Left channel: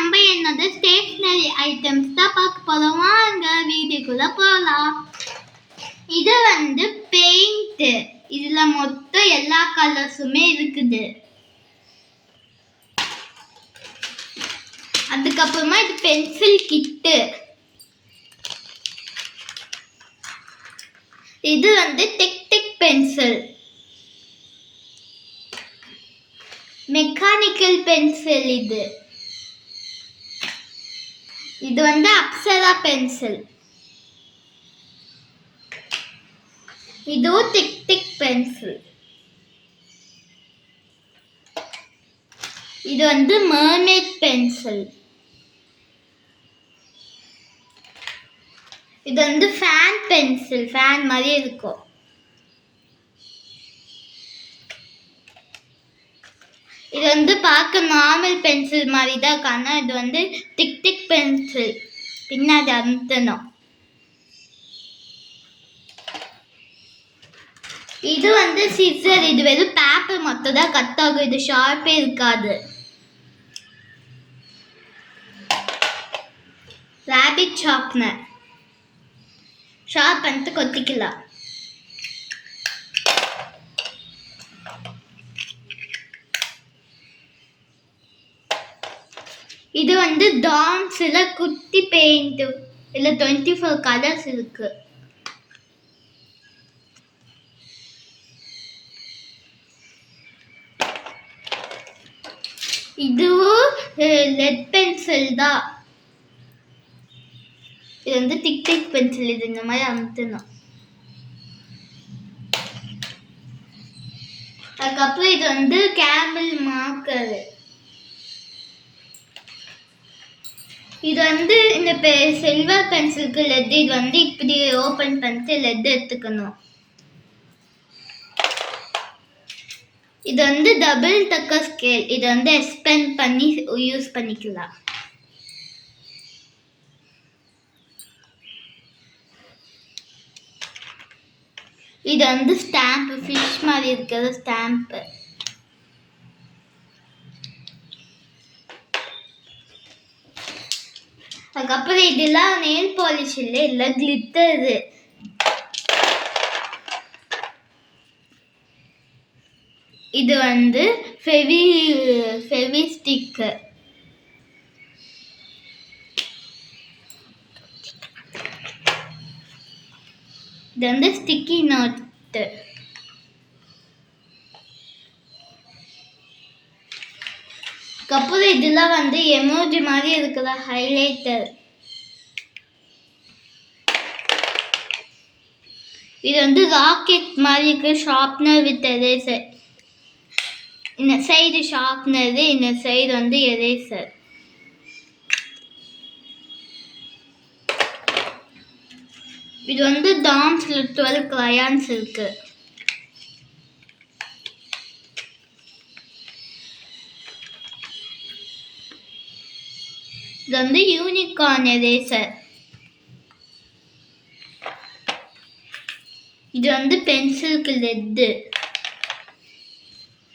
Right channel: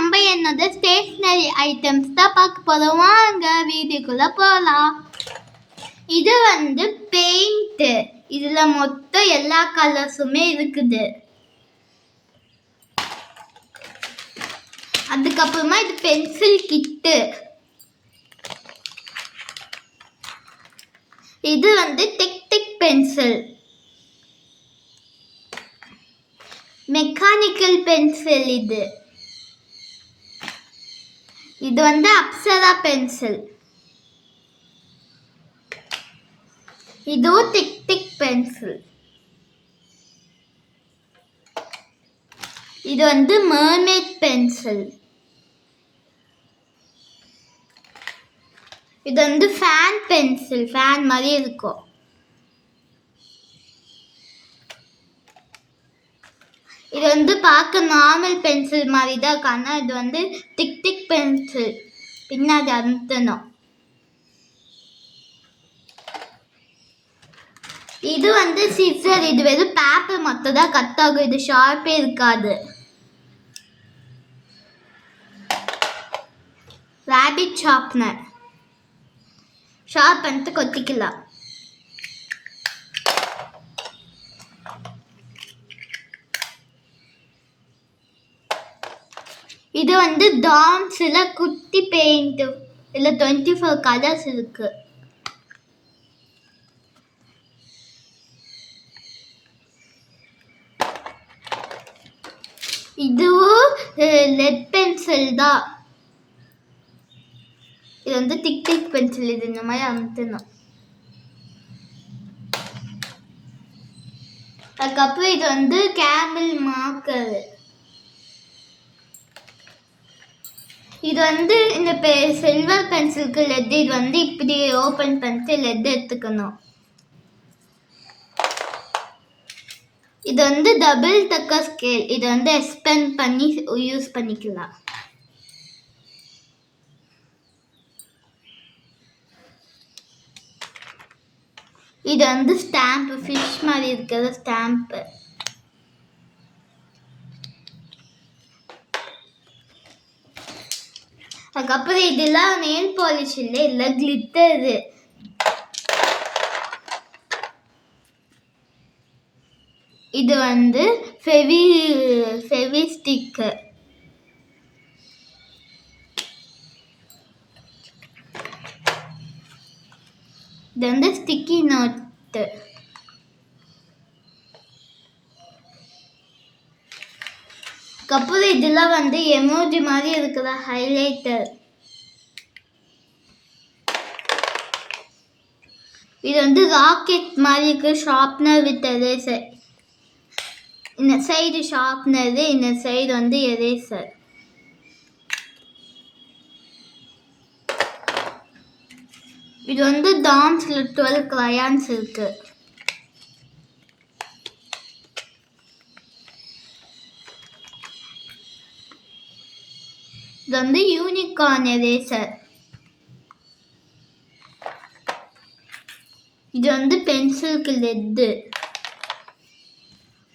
நம்ம என்னது stationery items தான் பார்க்க போகிறோம். வாங்க வீட்டுக்குள்ளே போகலாம். இது வந்து பெயிண்ட்டு. இதில் மொத்தம் எல்லா கலர்ஸுமே இருக்குது. அதுக்கப்புறமா இது பென்சில் கிட்டு. இது வந்து டிக் பென்சில், மெக்கானிக்கல் பென்சில். இது வந்து அப்சரா பென்சில். இதுவும் டிக் பென்சில். இது வந்து மர்மேட் பென்சில். இது வந்து ஃபேன் பென்சில், ஃபேன் மாதிரி இருக்கும். இது வந்து பார்க்க நார்மல் பென்சில் மாதிரி தான் இருக்கு. ஆனால் இது வந்து டிக் பென்சில். பின்னாடி அமுத்தணும். இது வந்து சிசர். இது வெறும் பேப்பர் மட்டும் தான் கட் ஆகும். இது ஷார்ப்பே இருக்காது. Rapid sharpener. ஷார்ப் பண்ணிட்டு கொத்திக்கலாம். இது வந்து டாம்ஸ்ல குட்டி பெயிண்ட். இல்ல 24 கலர்ஸ் இருக்கு. இதுவும் லெட் பென்சில் தான். இது வந்து டிக் பென்சில். இது இந்த மாதிரி அமுத்தணும். அதுக்கப்புறம் இது வந்து கேமல் மார்க்கர். இது வந்து இந்த சில்வர் பென்சிலுக்கு லெட். இது வந்து இப்படி ஓப்பன் பண்ணிட்டு லெட் எடுத்துக்கணும். இது வந்து டபுள் டக்கர் ஸ்கேல். இது வந்து எக்ஸ்பெண்ட் பண்ணி யூஸ் பண்ணிக்கலாம். இது வந்து ஸ்டாம்ப், ஃபிஷ் மாதிரி இருக்கிற ஸ்டாம்ப். அதுக்கப்புறம் இதெல்லாம் நெயில் பாலிஷ் இல்லை கிளிட்டர். இது வந்து ஃபெவி ஸ்டிக். இது வந்து ஸ்டிக்கி நோட்டு. அப்புறம் இதெல்லாம் வந்து எமோஜி மாதிரி இருக்கிற ஹைலைட்டர். இது வந்து ராக்கெட் மாதிரி இருக்கிற ஷார்ப்னர் வித் எரேசர். இந்த சைடு ஷார்ப்னர், இந்த சைடு வந்து எரேசர். இது வந்து டாம்ஸ்ல 12 crayons இருக்கு. இது வந்து யூனிகார்ன் எரேசர். இது வந்து பென்சிலுக்கு லெட்.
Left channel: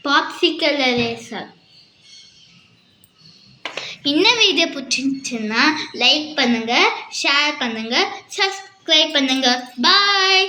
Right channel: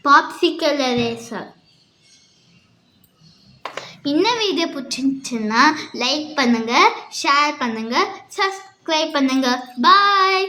Popsicle eraser. இந்த வீடியோ பிடிச்சிருந்துச்சுன்னா லைக் பண்ணுங்க, ஷேர் பண்ணுங்க, சப்ஸ்கிரைப் பண்ணுங்க. பாய்.